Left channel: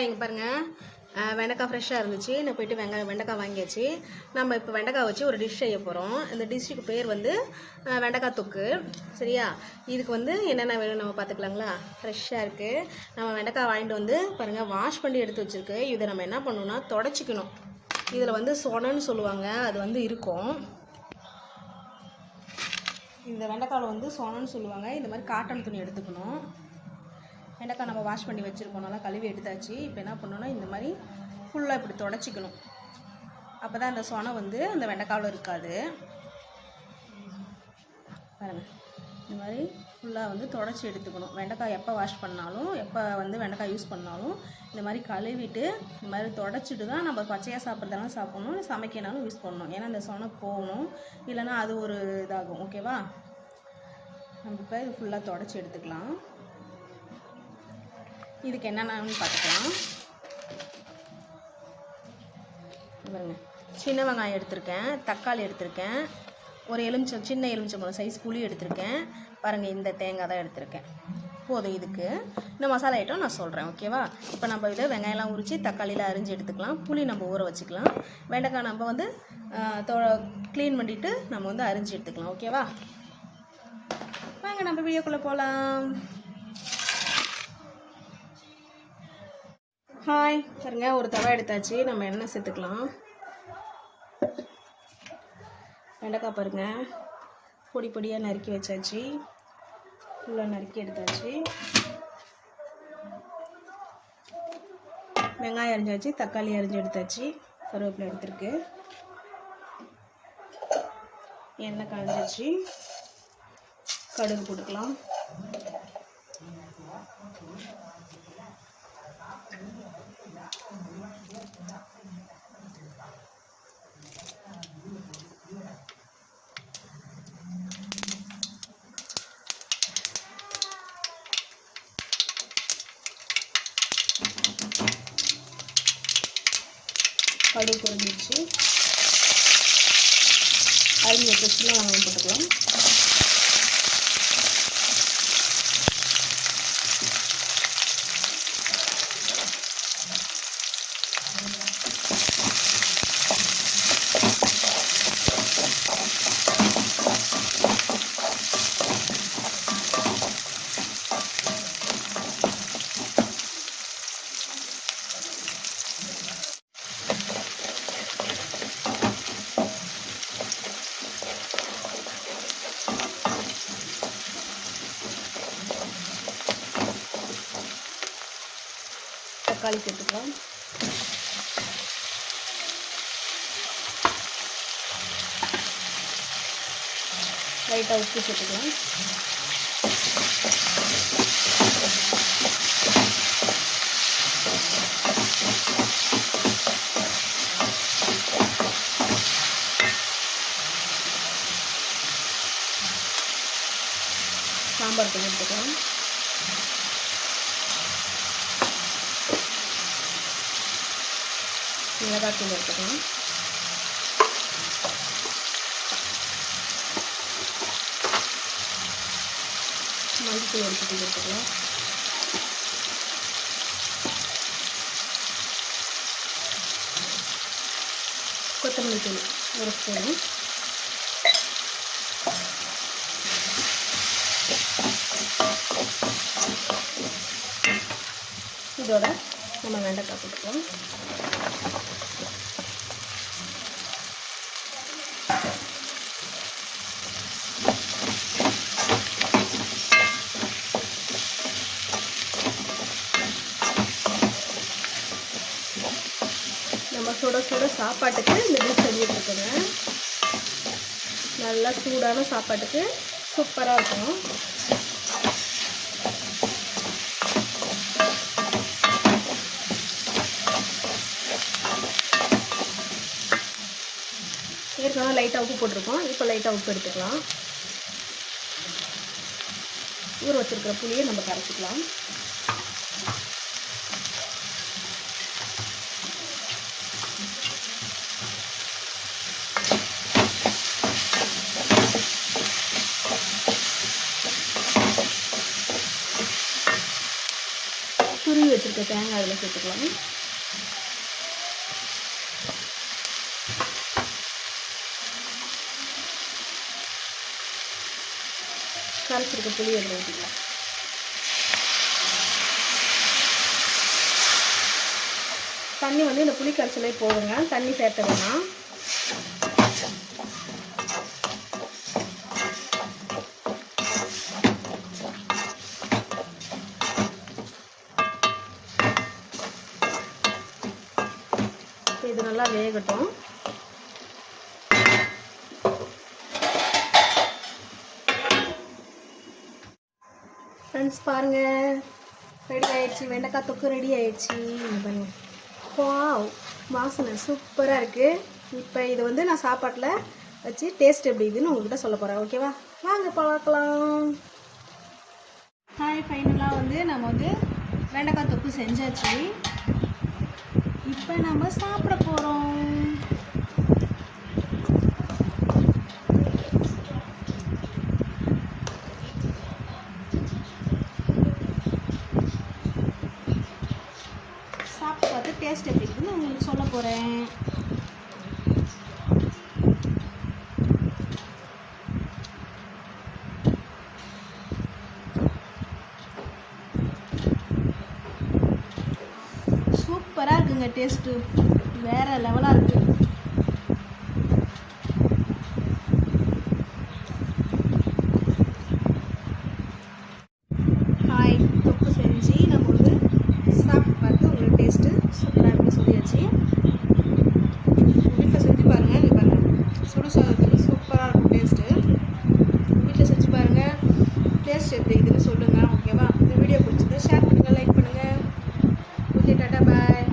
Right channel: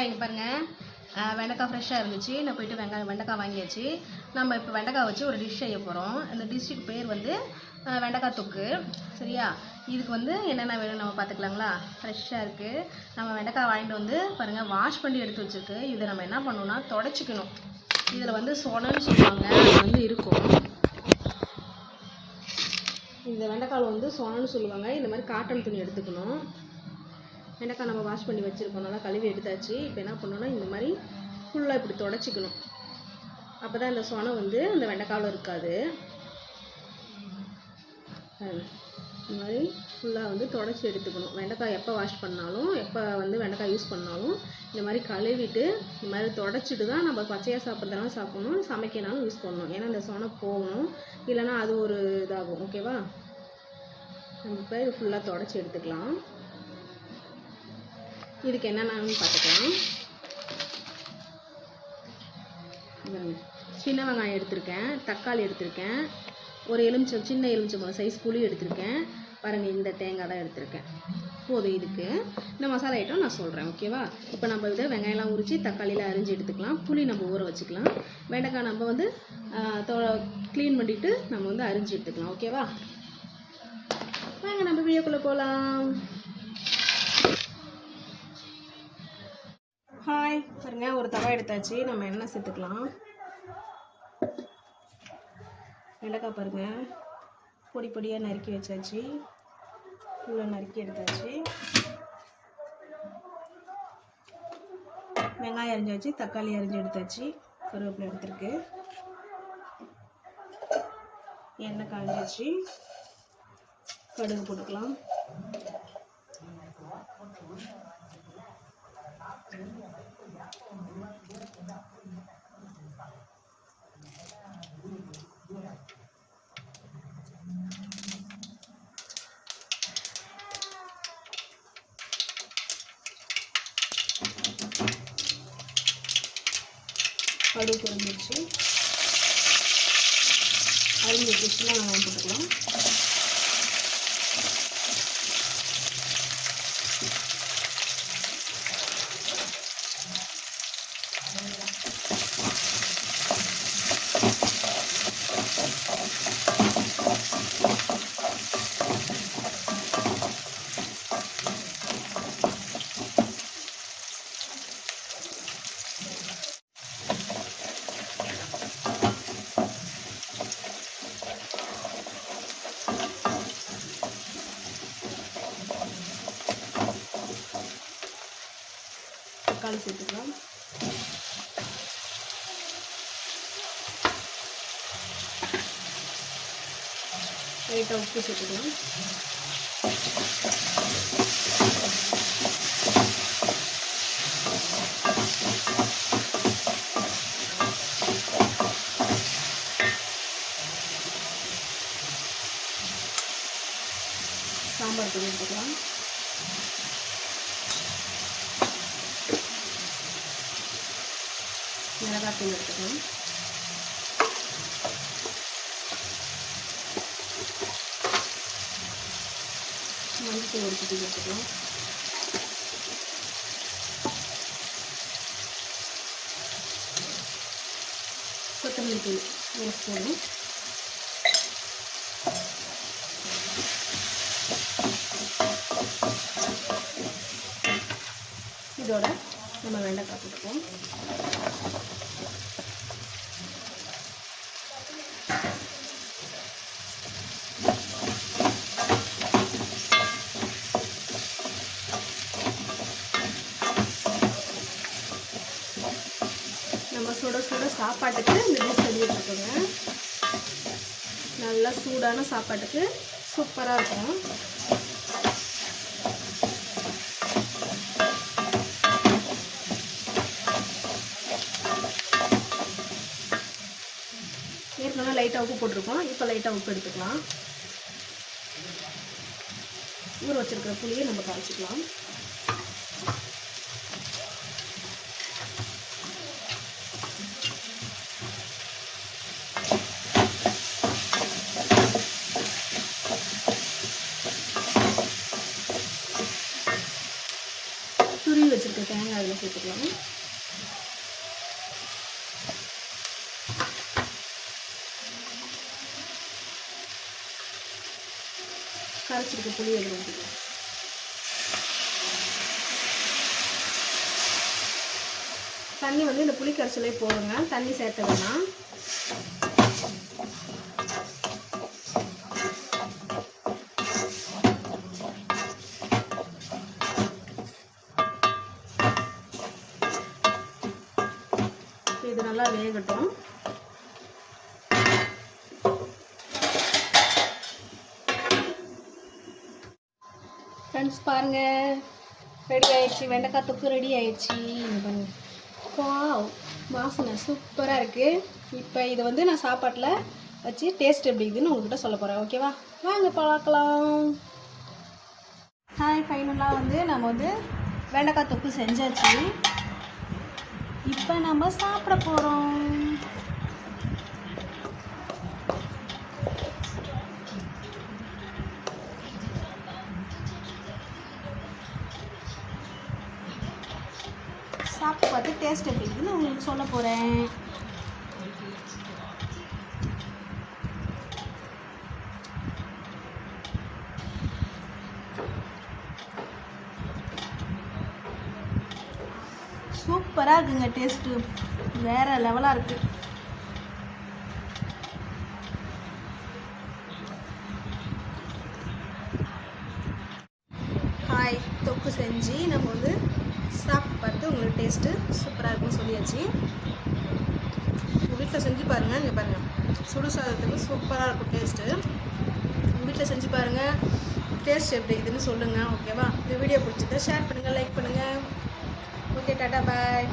இங்கே பாருங்கள், வெண்டைக்காய் ஃப்ரெஷ்ஷாக இருந்துச்சு. நான் போய்ட்டு வெண்டைக்காய் வாங்கியாச்சு. நம்ம இப்போ வெண்டைக்காய் வச்சு ஒரு டிஷ் செய்ய போகிறோம். இந்த டிஷ்ஷுக்கு பேர் வந்து வெண்டைக்காய் தொக்கு. சரியா? இதுக்கு வந்து என்னென்ன வேணும் நம்ம பார்த்துக்கலாங்களா? ஃப்ரெஷ்ஷாக இருக்குது. நம்ம வெண்டைக்காய் வாங்கிட்டு வந்து பாருங்கள், வாஷ் பண்ணி எடுத்து வச்சுருக்கு. இதை நம்ம என்ன பண்ணணும்னா தொடச்சிக்கணும். இதில் வந்து சொனன்னு சொல்லுவாங்க, அது வந்து இருக்கும். இந்த வெண்டைக்காயில் வந்து சொனன்னு சொல்லுவாங்க. இந்த மாதிரி காட்டன் துணி எடுத்துக்கணும். வெண்டைக்காய் நம்ம வாஷ் பண்ணி வச்சுருக்கோம்னா கழுவி எடுத்தாச்சு. இப்போ என்ன பண்ணணும்னா இந்த மாதிரி ஃபுல்லாக இப்படி தொடச்சிக்கணும். அப்போ தான் அந்த சொனை வந்து அந்த வெண்டைக்காவில் இருக்காது. இந்த மாதிரி ஃபுல்லாக வந்து தொடச்சி எடுத்துக்கணும். வெண்டைக்காய் எப்போ வாஷ் பண்ணாலும், எப்போ வந்து வெண்டைக்காய் யூஸ் பண்ணாலும் இந்த மாதிரி கழுவிட்டு இந்த மாதிரி தொடச்சிட்டு தான் நம்ம பச்சையாக சாப்பிட்றதாலும் சாப்பிடணும், சமைக்கனாலும் யூஸ் பண்ணணும். ஏன்னா இந்த சொனை போகணும், இல்லைன்னா அது ஒரு இதாகும். ஓகேவா? நம்ம இப்போ இது ஃபுல்லாக தொடச்சி எடுத்துக்கலாம். இதுக்கு என்னென்னு பார்த்துக்கலாம். சின்ன வெங்காயம் எடுத்திருக்கேன், தக்காளி எடுத்திருக்கேன், ஒரு சின்ன எலுமிச்சம்பழம் சைஸ் புளி எடுத்திருக்கேன். பாருங்கள், இந்த தேங்காய் தான் எடுத்திருக்கேன். போதும். இதுக்கு இந்த மசாலா ஐட்டம் நான் சொல்கிறேன். ஓகேவா? இப்போ நம்ம இதை வெங்காயம்லாம் உரித்து தக்காளியில் அரிஞ்சு எடுத்துக்கலாம். புளி நம்ம ஊற வச்சுக்கலாம். வெண்டைக்காய் நம்ம வந்து க்ளீன் பண்ணிவிட்டு நம்ம வந்து அரிஞ்சு எடுத்துக்கலாம். ஓகேவா? வாங்க நம்ம வீடியோக்குள்ளே போகலாம். ஹாய் பாருங்க, ஒரு தவா எடுத்தாச்சு. நம்ம எண்ணெய் சேர்த்துக்கலாம். வெண்டைக்காய் பாருங்கள், பொடி பொடியாக நறுக்கி வச்சாச்சு. ஃபுல்லாக நறுக்கி எடுத்தாச்சு. வெங்காயம் அரிஞ்சாச்சு, தக்காளி அரிஞ்சு எடுத்தாச்சு, கருவேப்பிலை எடுத்துருக்கு. எண்ணெய் காஞ்சாச்சு, கடுகு போட்டுக்கலாம். கடுகு பொரிஞ்சிருச்சு. அரிஞ்ச சின்ன வெங்காயம் போட்டுக்கலாம். தக்காளி சேர்த்துக்கலாம். லைட்டாக உப்பு சேர்த்துக்கலாம். சாம்பார் தூள் எடுத்துக்கலாம். மிளகாய் தூள் எடுத்துக்கலாம். மஞ்சள் ஒரு குட்டி எடுத்துக்கலாம். கொத்தமல்லி தூள் ஒரு ஸ்பூன். இதோட நம்ம வெண்டைக்காய் போட்டுக்கலாம். நம்ம சுட சுட சாப்பாட்டுக்கு இந்த டிஷ் செஞ்சுட்டு இருக்கோங்க. நல்லா சூடான சாப்பாட்டுக்கு சூப்பராக இருக்கும். ஏற்கனவே லைட்டாக உப்பு போட்டிருக்கோம். இப்போ லைட்டாக உப்பு எடுத்துக்கலாம். ஊற வச்சுருக்கிற புளியை நம்ம கரைச்சிக்கலாம். துருவி வச்சுருக்க வச்ச தேங்காய் அதில் சேர்த்துக்கலாம். கரைச்சிருக்க புளி அதில் ஊற்றிக்கலாம். தண்ணி வந்து இந்த புளி கரைச்சலே போடுங்க, தண்ணி சேர்த்த வேணாம். இது நல்லா வேகட்டும். ஃப்ரெண்ட்ஸ் பாருங்கள், ரெடி ஆயிடுச்சு. வெண்டைக்காய் தொக்கு ரெடி ஆயிடுச்சு. பாருங்க, வாவ், வாசனை சூப்பராக இருக்குது. இப்போ இதை வந்து நான் சாப்பாட்டில் வச்சு டேஸ்ட் எப்படி இருக்குதுன்னு உங்கள்கிட்ட சொல்ல போகிறேன். ஓகேவா, வாங்க பார்க்கலாம். ஹாய், ஃபைனலாக வந்து நம்ம வந்து வெண்டைக்காய் தொக்கு செஞ்சாச்சு. இப்போ நம்ம சாப்பிட போகிறோம். சாப்பிட்டு பார்த்து டேஸ்ட் எப்படி இருக்குதுன்னு உங்களுக்கு சொல்ல போகிறேன். சூப்பராக இருக்குங்க, டேஸ்ட்டு வேறு லெவலாக இருக்குது. ஹாய், தொக்கு செஞ்சு நம்ம வந்து சாப்பிட்டு பார்த்து உங்களுக்கு டேஸ்ட்டு சூப்பராக இருக்குன்னு சொல்லியாச்சு. உங்கள் வீட்டில் செஞ்சு பாருங்கள். இங்கே பாருங்கள், சுடு சாதத்துக்கு சூப்பராக இருக்கும் டேஸ்ட்டு. உங்கள் வீட்டில் செஞ்சு பாருங்கள், டேஸ்ட் எப்படி இருக்குதுன்னு சொல்லுங்கள். ஓகேவா, இந்த வீடியோ பிடிச்சிருந்தா ஷேர் பண்ணுங்கள், லைக் பண்ணுங்கள். ஓகே, டாட்டா, பாய்.